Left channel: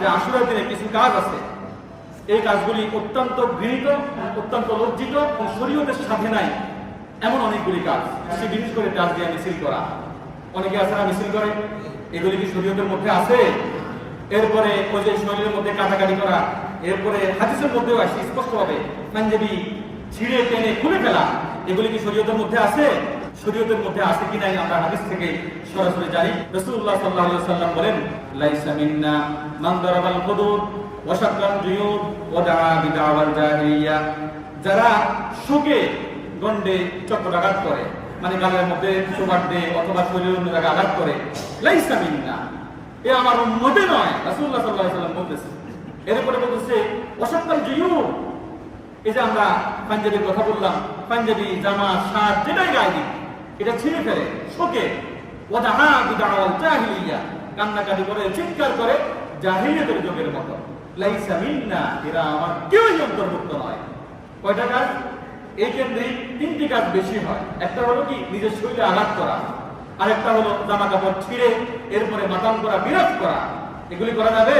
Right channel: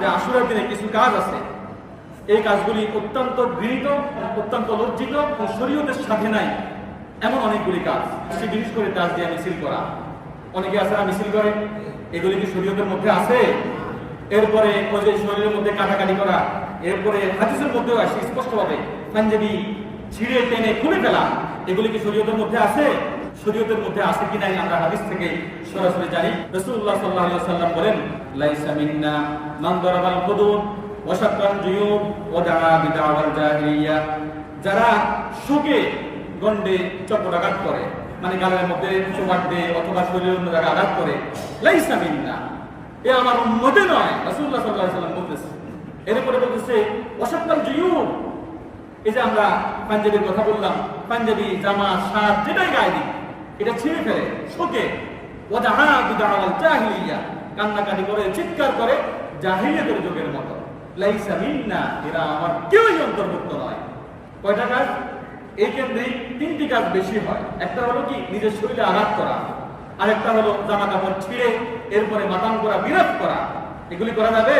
যে আশুরার দিনে কিছু কাজ আছে, এই কাজগুলি অত্যন্ত ঘৃণিত, অত্যন্ত লজ্জিত ও শরীয়তের সাথে নাই এমন অনেকগুলি কাজ। সে বিশেষ করে তাজ দিয়ে মিছিল করা, অনেকে আছে না মিছিল করে, এগুলি কি শরীয়তের মধ্যে আছে? এরপরে ওই যে শরীরের মধ্যে কাটাকাটি করা, এরপরে হাদিসের মধ্যেও আসে স্পষ্টভাবে পাঞ্জাবি ছিঁড়ে টেনে খুলে ফেলা, এগুলি কি শরীয়তের মধ্যে আছে? শরীয়তের মধ্যে আছে কি নাই আমরা হাদিস থেকে সরাসরি জানি। রাসূলুল্লাহ সাল্লাল্লাহু আলাইহি ওয়াসাল্লাম বলেন, লাইসা মিন্না মান দারাবাল হুদুদ ওয়া শাক্কাল জুয়ুব ওয়া দাআ বিদাওয়াল জাহিলিয়া। যারা শোকে গন্ডে চক্রাঘাত করে, মানে গালের মধ্যে চোবাট দেয় অথবা শরীরের অন্য জায়গায় আঘাত করে, লাইসা মিন্না, এ আমার উম্মতে নয়, রাসূলুল্লাহ সাল্লাল্লাহু আলাইহি ওয়াসাল্লাম বলতেছে। এরপরে বলতেছে ওয়া শাক্কাল জুয়ুব, এই যে আমরা পাঞ্জাবির কথা বললাম, পাঞ্জাবি জামা শার্ট যেটাই গায়ে দিই এটা ছিঁড়ে ফেলে শোকে, ওয়া দাআ বিদাওয়াল জাহিলিয়া, কান্নাকাটি করে চিৎকার করে জাহিলিয়াতের যুগের মতো। লাইসা মিন্না, এরা আমার কেউই অন্তর্ভুক্ত নয়। কয়টা কাজ? এই ক্ষেত্রে তিনটি কাজ বেশি হয়। একটা হলো কি নিজের শরীরে আঘাত করা, আরেকটা হলো জামা কাপড় ছিঁড়ে এরপরে মাতাম করা, বিরাট করা, এগুলি করা যাবে?